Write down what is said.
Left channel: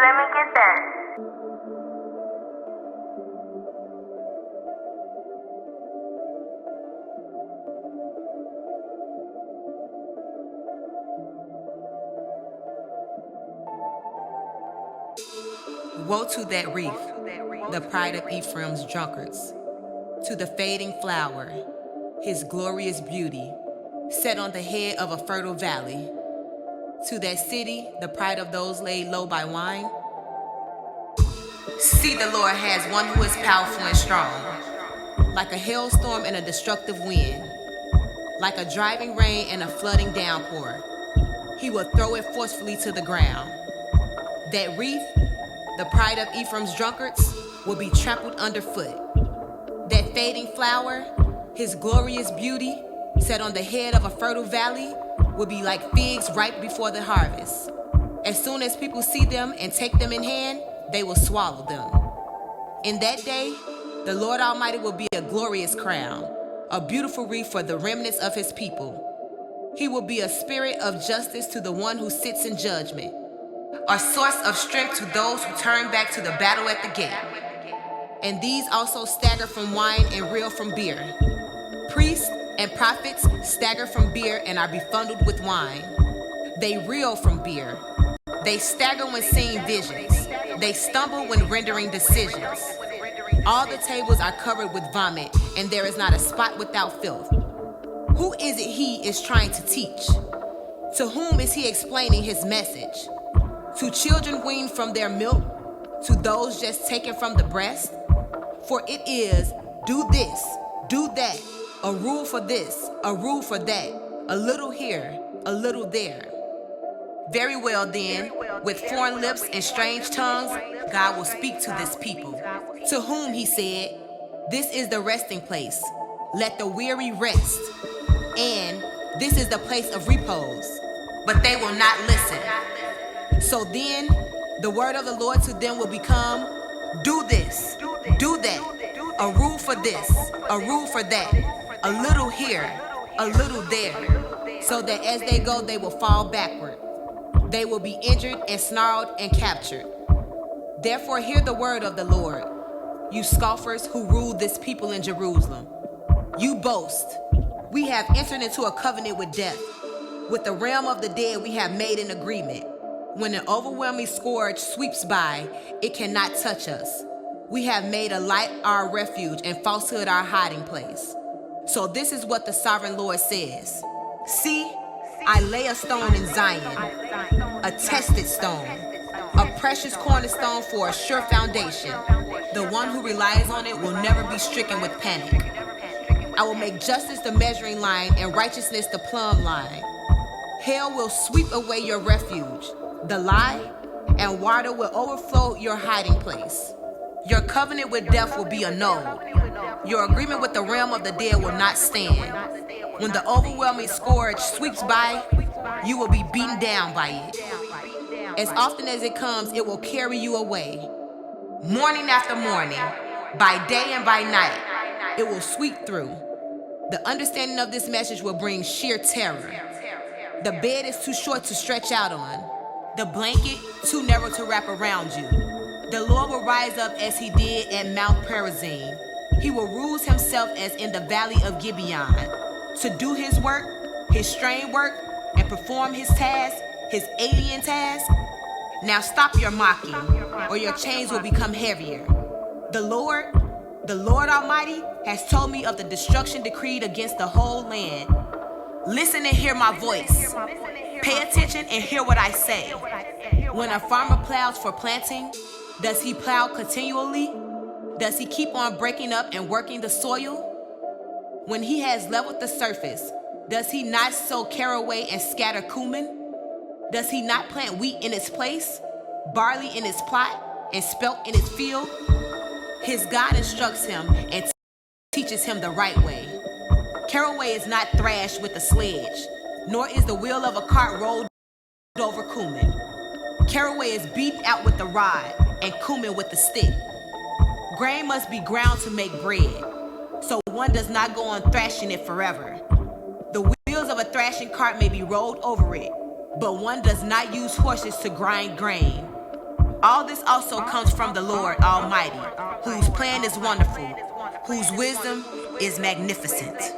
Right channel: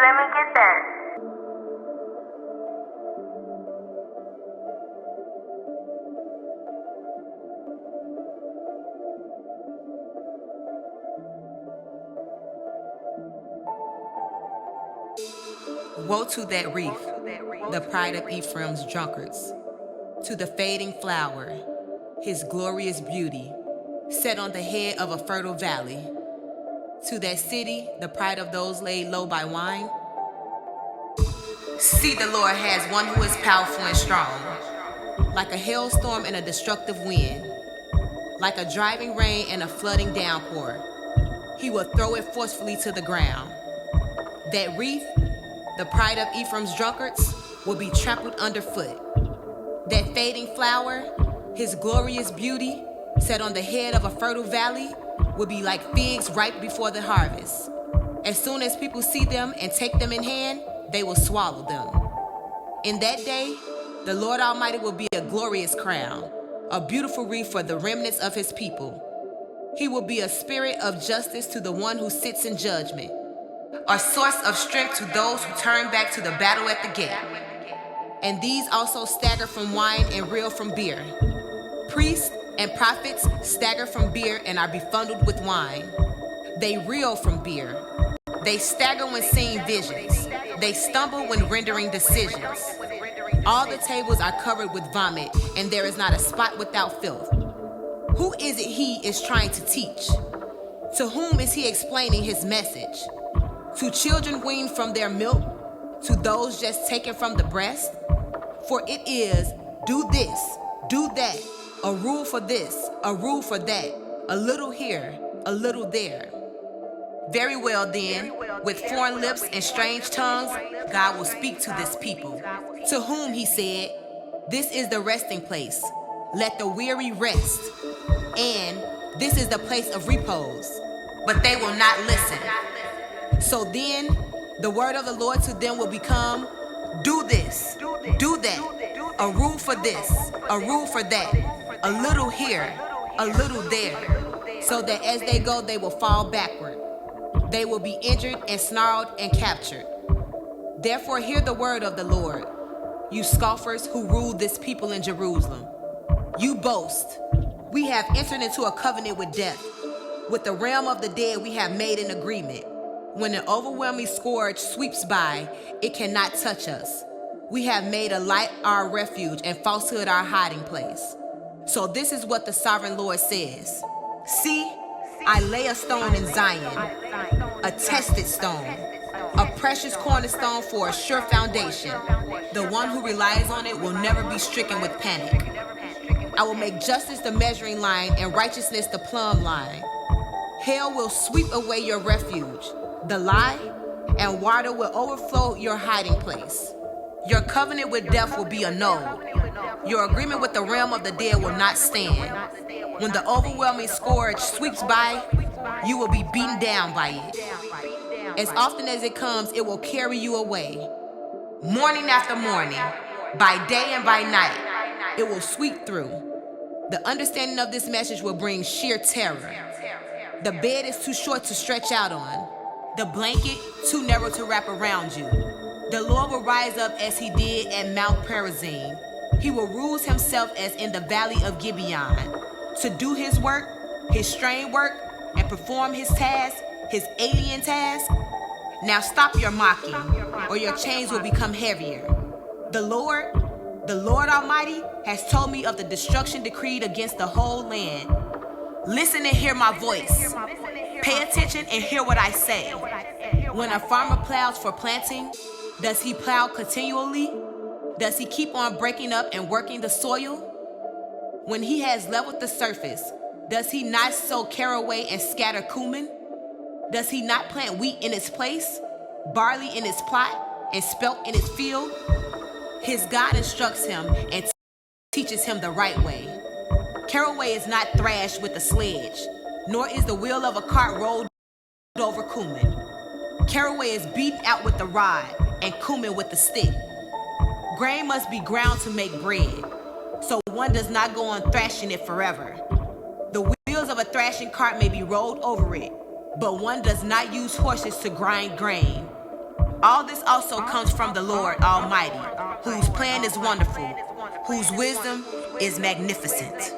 let me get that. Woe to that wreath, the pride of Ephraim's drunkards, to the fading flower, his glorious beauty, set on the head of a fertile valley, to that city, the pride of those laid low by wine. See, the Lord has one who is powerful and strong, like a hailstorm and a destructive wind, like a driving rain and a flooding downpour. He will throw it forcefully to the ground. That wreath, the pride of Ephraim's drunkards, will be trampled underfoot. That fading flower, his glorious beauty, set on the head of a fertile valley, will be like figs ripe before the harvest. As soon as people see them and take them in hand, they will swallow them. In that day, the Lord Almighty will be a glorious crown, a beautiful wreath for the remnants of his people. He will be a spirit of justice to the one who sits in judgment, a source of strength to those who turn back to the battle at the gate. And these also stagger from wine and reel from beer. Priests and prophets stagger from beer and are befuddled with wine. They reel from beer. They stagger when seeing visions. They stumble when rendering decisions. All the tables are covered with vomit, and there is not a spot without filth. Who is it he is trying to teach? To whom is he explaining his message? To children weaned from their milk? To those just taken from the breast? For it is, do this, do that, a rule for this, a rule for that, a little here, a little there. Very well then, with foreign lips and strange tongues, God will speak to this people, to whom he said, this is the resting place, let the weary rest, and this is the place of repose. But they will not listen. So then, the word of the Lord to them will become, do this, do that, a rule for this, a rule for that, a little here, a little there, so that as they go, they will fall backward. They will be injured and snarled and captured. Therefore, hear the word of the Lord, you scoffers who rule this people in Jerusalem. You boast, we have entered into a covenant with death. With the realm of the dead, we have made an agreement. When an overwhelming scourge sweeps by, it cannot touch us. We have made a light our refuge and falsehood our hiding place. So this is what the sovereign Lord says. See, I lay a stone in Zion, a tested stone, a precious cornerstone for a sure foundation. The one who relies on it will never be stricken with panic. I will make justice the measuring line and righteousness the plumb line. Hell will sweep away your refuge, the lie, and water will overflow your hiding place. Your covenant with death will be annulled. Your agreement with the realm of the dead will not stand. When the overwhelming scourge sweeps by, you will be beaten down by it. As often as it comes, it will carry you away. Morning after morning, by day and by night, it will sweep through. The understanding of this message will bring sheer terror. The bed is too short to stretch out on. The blanket too narrow to wrap around you. The Lord will rise up as he did at Mount Perazim. He will ruse himself as in the valley of Gibeon, to do his work, his strange work, and perform his task, his alien task. Now stop your mocking, or your chains will become heavier. The Lord Almighty, has told me of the destruction decreed against the whole land. Listen and hear my voice. Pay attention and hear what I say. When a farmer plows for planting, does he plow continually? Does he keep on breaking up and working the soil? When he has leveled the surface, does he not sow caraway and scatter cumin? Does he not plant wheat in its place, barley in its plot, and spelt in its field? His God instructs him and teaches him the right way. Caraway is not thrashed with a sledge, nor is the wheel of a cart rolled over cumin. Caraway is beaten out with the rod, and cumin with the stick. Grain must be ground to make bread, so one does not go on thrashing it forever. The wheels of a thrashing cart may be rolled over it, but one does not use horses to grind grain. All this also comes from the Lord Almighty, whose plan is wonderful, whose wisdom is magnificent.